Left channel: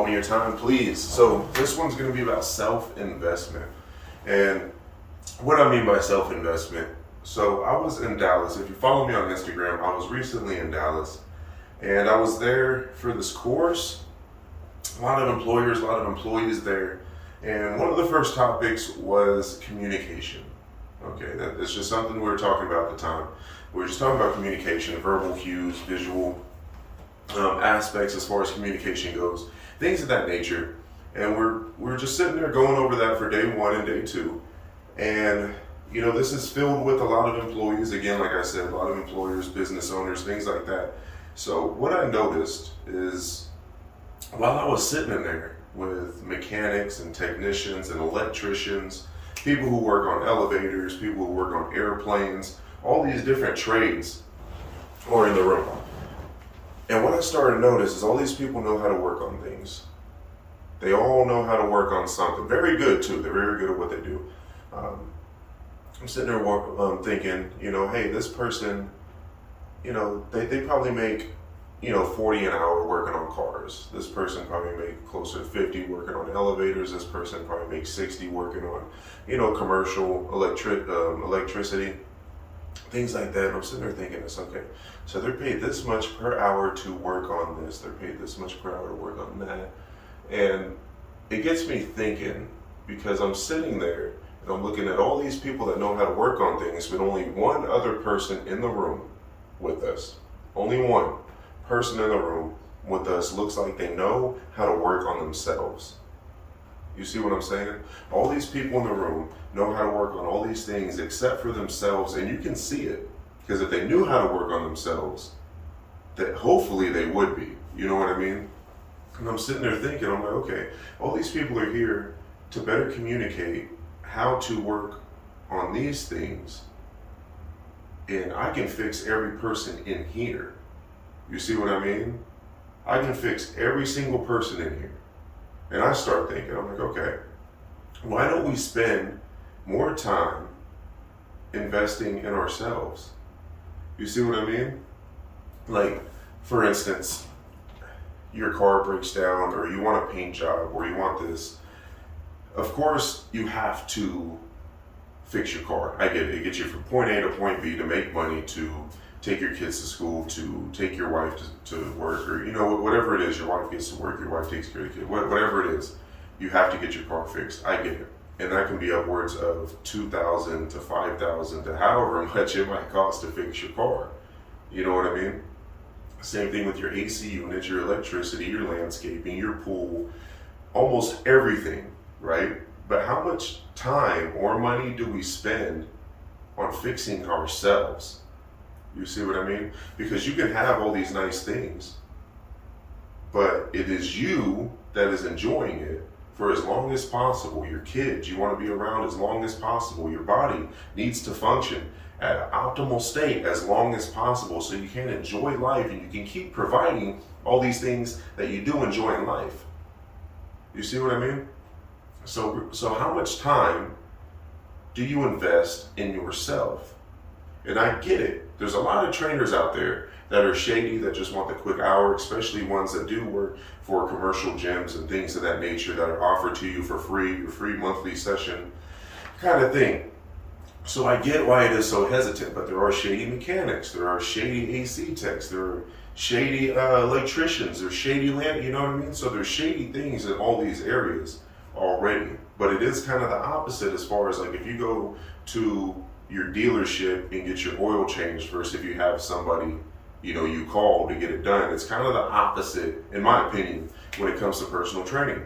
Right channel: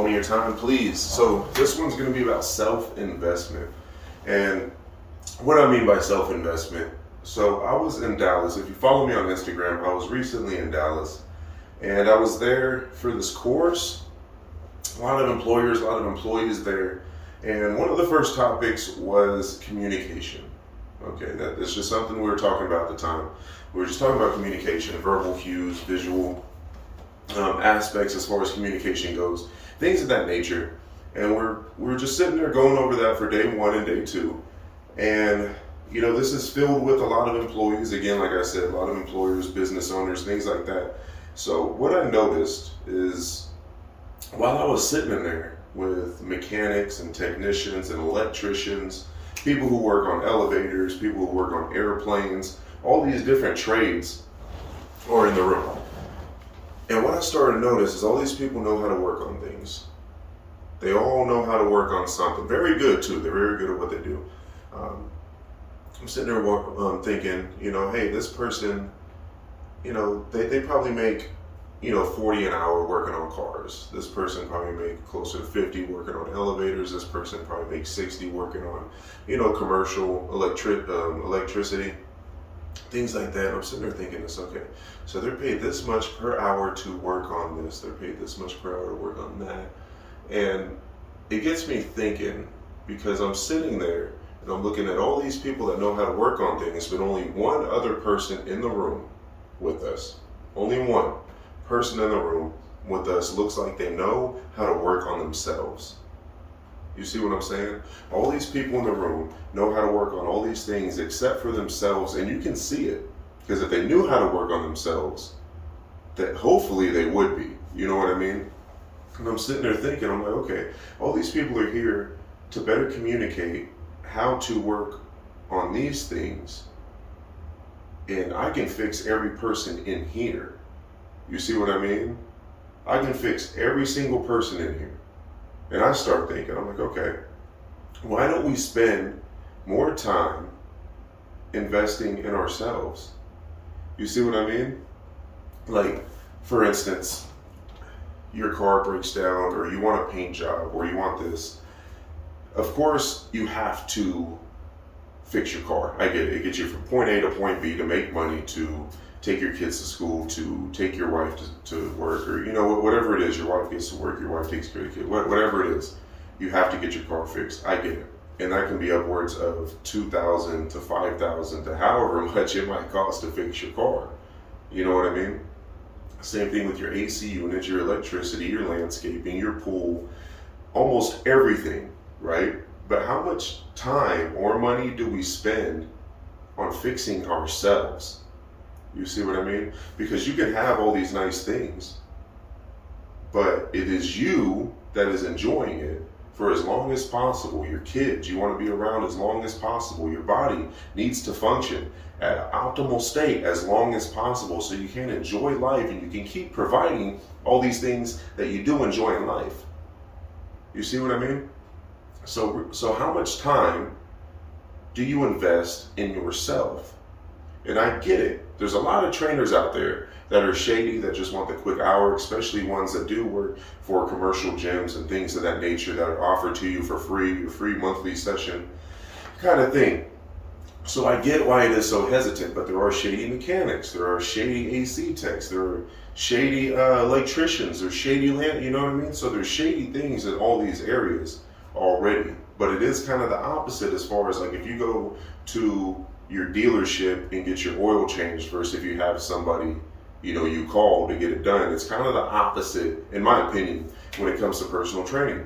moment of your time, please. So this one's going to be about self-investment. And what I mean by self-investment, so I was in Dallas. If you follow me on Instagram, I was recently in Dallas. And I was there for this course. A lot of employers, a lot of employees there. And one of the first topics was communication. Okay, that's just something we were talking about at the time. We were just talking about communication, verbal cues, visual aspects as far as communication goes, things of that nature. And we're just sitting there going over that for day one and day two. And you know, this is filled with a lot of employees. Again, like I said, a lot of employers, business owners, things like that. So what I noticed is while I was sitting in there with mechanics and technicians and electricians, people who work on elevators, people who work on airplanes, all these different trades are in the room. And what I started to notice is all these people know how to work on things. They all know how to work on something. Very good too. They're very good at what they do. I'm sitting there thinking, you know, hey, this person, you know, they probably make, you know, 40 an hour working on cars. This person probably make closer to 50 working on elevators. This person probably makes 60 working on, you know, commercial electricity, things like that. And I'm sitting there thinking this, okay, so they're paid this much per hour to work on this. They're paid this much per hour to work on that. And it gets me thinking, because I'm sitting there and I'm looking at all these people that know how to work on things, but only one other person in the room with us, only one person in the room with us looks like they know how to work on themselves. You see what I'm saying? All these people in the room know how to work on all these things except for themselves, and you can see it, because if they knew how to work on themselves, that hopefully they would be. You know what I mean? And I'm sitting there thinking, I'm like, okay, all these people are here to better communicate how to work on these things, and I can fix every person in here. You see what I mean? I can fix every single person in here. And I start thinking, I'm like, okay, why don't we spend more time investing in ourselves? You see what I mean? Like, for instance, your car breaks down, or you want a paint job, or you want this. Of course, you have to fix your car. I get it. It gets you from point A to point B to make money, to take your kids to school, to take your wife to work, or, you know, whatever it is, your wife gets to work, your wife takes care of the kid, whatever it is, you have to get your car fixed. I get it. And that can be upwards of $2,000 to $5,000 to however much it might cost to fix your car. You know what I mean? Same thing with your AC unit, your electricity, your landscaping, your pool, almost everything, right? But how much time or money do we spend on fixing ourselves? You see what I mean? Because you can have all these nice things, but it is you that is enjoying it for as long as possible. Your kids, you want to be around as long as possible. Your body needs to function at an optimal state as long as possible, so you can enjoy life and you can keep providing all these things that you do enjoy in life. You see what I mean? So how much time do you invest in yourself? And I get it. There's a lot of trainers out there that are shady, that just want the quick hour, especially ones that do work for commercial gyms and things of that nature that are offered to you for free, your free monthly session kind of thing. So I get why it is so hesitant, but there are shady mechanics, there are shady AC techs, there are shady electricians, there's shady land, you know what I mean? So there's shady things in all these areas already, but it is kind of the opposite as far as, like, if you go to your dealership and get your oil changed versus if you have somebody, you know, you call to get it done. It's kind of the opposite, in my opinion, when it comes to personal training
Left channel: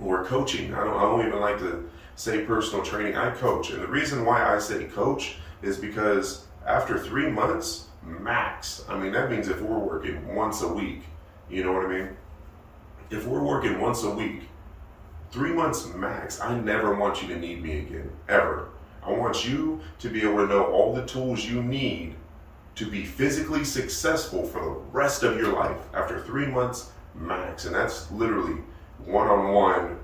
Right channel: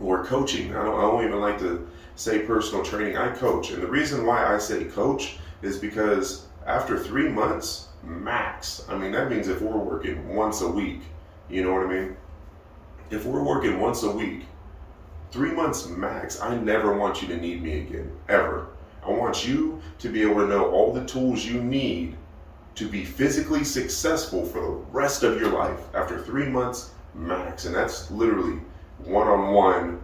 or coaching. I don't even like to say personal training. I coach, and the reason why I say coach is because after 3 months max, I mean, that means if we're working once a week, you know what I mean? If we're working once a week, 3 months max, I never want you to need me again, ever. I want you to be able to know all the tools you need to be physically successful for the rest of your life after 3 months max. And that's literally one-on-one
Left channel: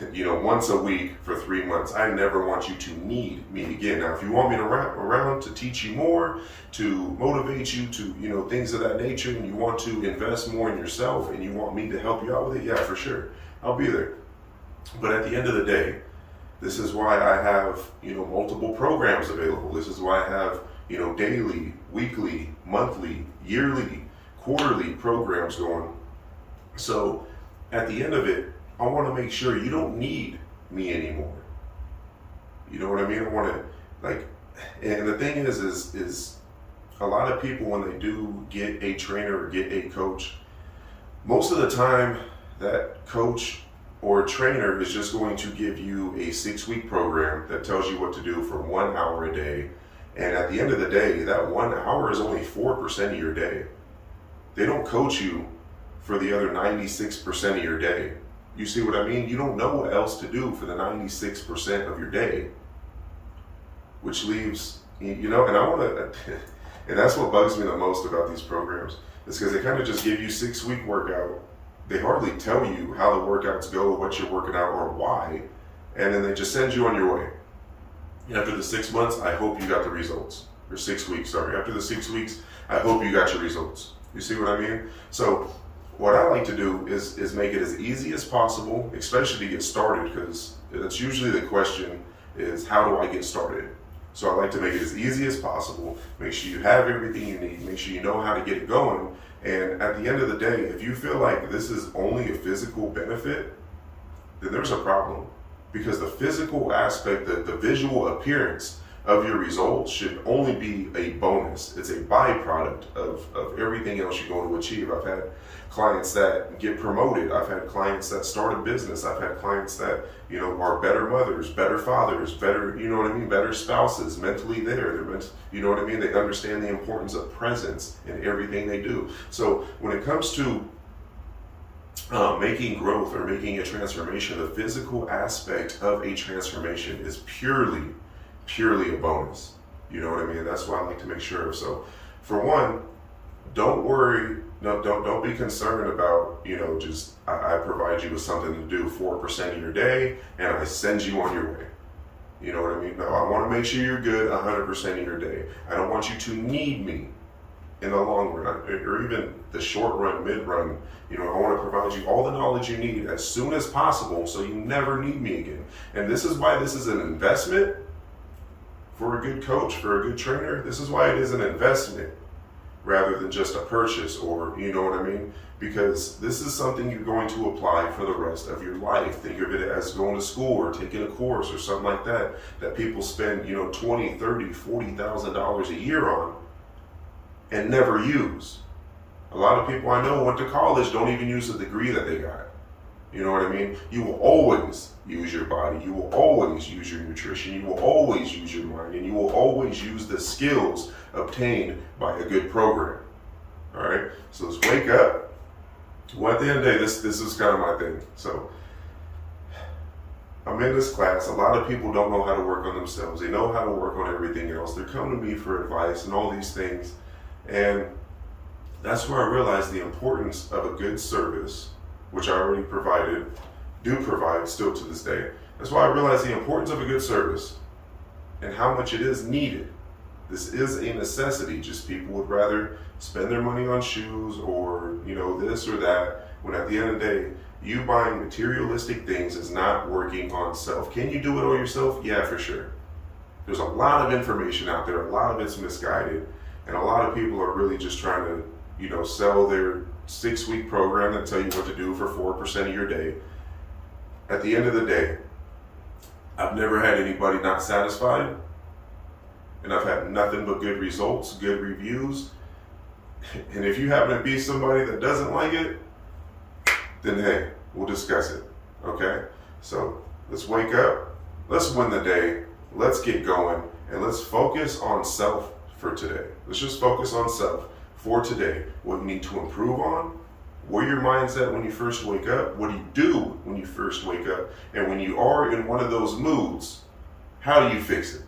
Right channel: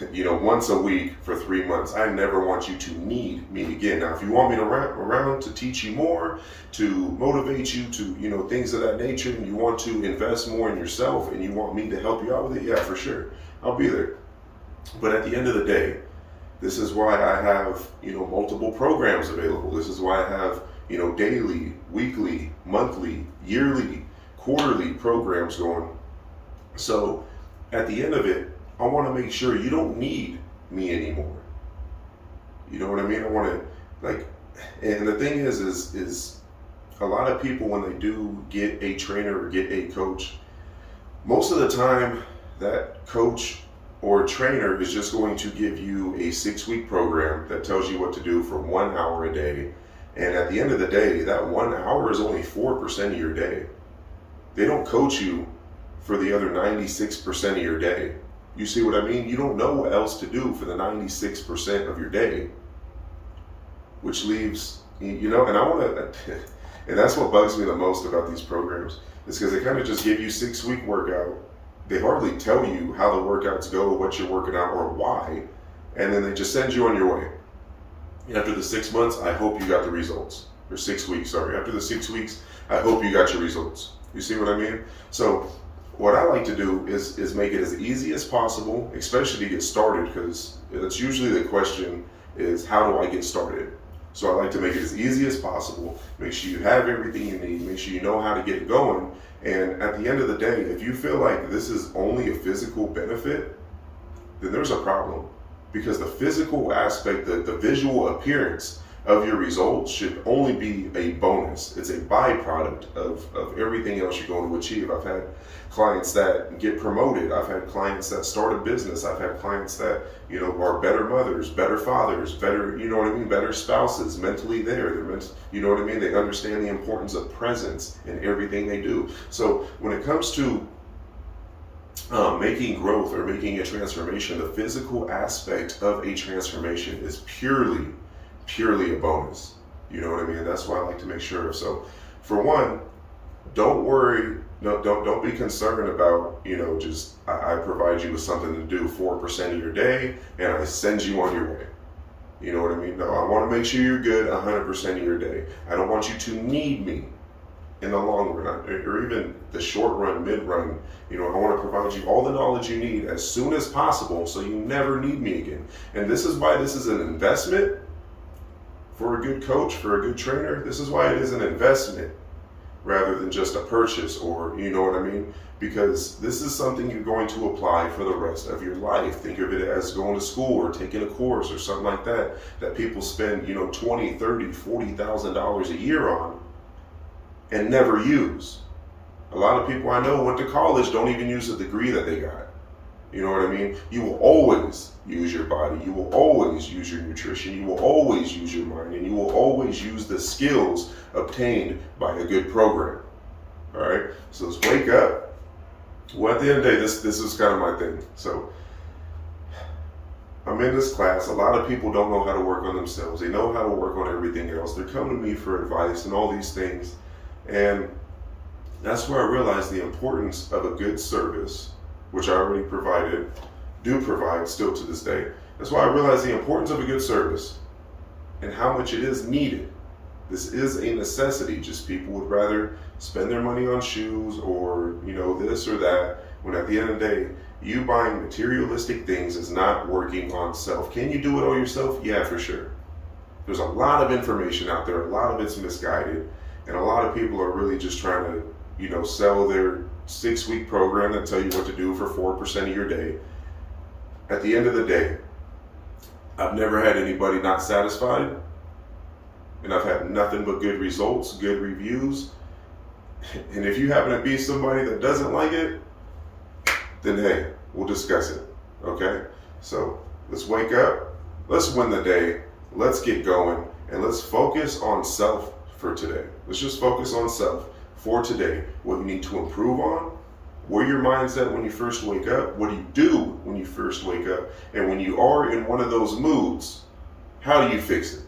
once a week for 3 months. I never want you to need me again. Now, if you want me to around to teach you more, to motivate you to, things of that nature, and you want to invest more in yourself and you want me to help you out with it, yeah, for sure, I'll be there. But at the end of the day, this is why I have, multiple programs available. This is why I have, daily, weekly, monthly, yearly, quarterly programs going. So at the end of it, I want to make sure you don't need me anymore. You know what I mean? I want to and the thing is a lot of people, when they do get a trainer or get a coach, most of the time that coach or trainer is just going to give you a 6-week program that tells you what to do for 1 hour a day. And at the end of the day, that 1 hour is only 4% of your day. They don't coach you for the other 96% of your day. You see what I mean? You don't know what else to do for the 96% of your day, which leaves, and I want to, and that's what bugs me the most about these programs, is because they kind of just give you 6-week workout. They hardly tell you how the workouts go, what you're working out, or why, and then they just send you on your way. After the 6 months, I hope you got the results. Or 6 weeks, sorry. After the 6 weeks, I hope you got your results. You see what I mean? So what I like to do is make it as easy as possible, especially to get started, because that's usually the question is, how do I get started? So I like to make it as easy as possible, make sure you have everything you need, make sure you know how to get it going. And at the end of the day, if you feel like this is only a physical benefit, then there's a problem. Because the physical aspect, the visual appearance of your results should only be a bonus. It's a byproduct of everything else you're going to achieve. I've had clients that get promoted. I've had clients that start a business. I've had clients that, are better mothers, better fathers, better, better spouses, mentally there. They understand the importance of presence in everything they do. So when it comes to making growth or making a transformation, the physical aspect of a transformation is purely a bonus. You know what I mean? That's why I like to make sure of. So for one, don't worry, don't be concerned about, just I provide you with something to do 4% of your day and I send you on your way. You know what I mean? No, I want to make sure you're good 100% of your day. I don't want you to need me in the long run, or even the short run, mid run. I want to provide you all the knowledge you need as soon as possible so you never need me again. And this is why this is an investment for a good coach, for a good trainer. This is why it is an investment rather than just a purchase, or you know what I mean? Because this is something you're going to apply for the rest of your life. Think of it as going to school or taking a course or something like that people spend, $20, $30, $40,000 a year on and never use. A lot of people I know went to college, don't even use the degree that they got. You know what I mean? You will always use your body. You will always use your nutrition. You will always use your mind, and you will always use the skills obtained by a good program. All right? So let's wake up. Well, at the end of the day, this is kind of my thing. So I'm in this class. A lot of people don't know how to work on themselves. They know how to work on everything else. They're coming to me for advice and all these things. And that's where I realized the importance of a good service, which I already do provide still to this day. That's why I realized the importance of a good service and how much it is needed. This is a necessity. Just people would rather spend their money on shoes or, this or that, when at the end of the day, you buying materialistic things is not working on self. Can you do it on yourself? Yeah, for sure. There's a lot of information out there. A lot of it's misguided. And a lot of people are really just trying to, sell their 6-week program that tell you what to do for 4% of your day. At the end of the day, I've never had anybody not satisfied, and I've had nothing but good results, good reviews. And if you happen to be somebody that doesn't like it, then hey, we'll discuss it. Okay? So let's wake up, let's win the day, let's get going, and let's focus on self for today. Let's just focus on self for today. What you need to improve on, where your mind's at when you first wake up, what do you do when you first wake up, and when you are in one of those moods, how do you fix it?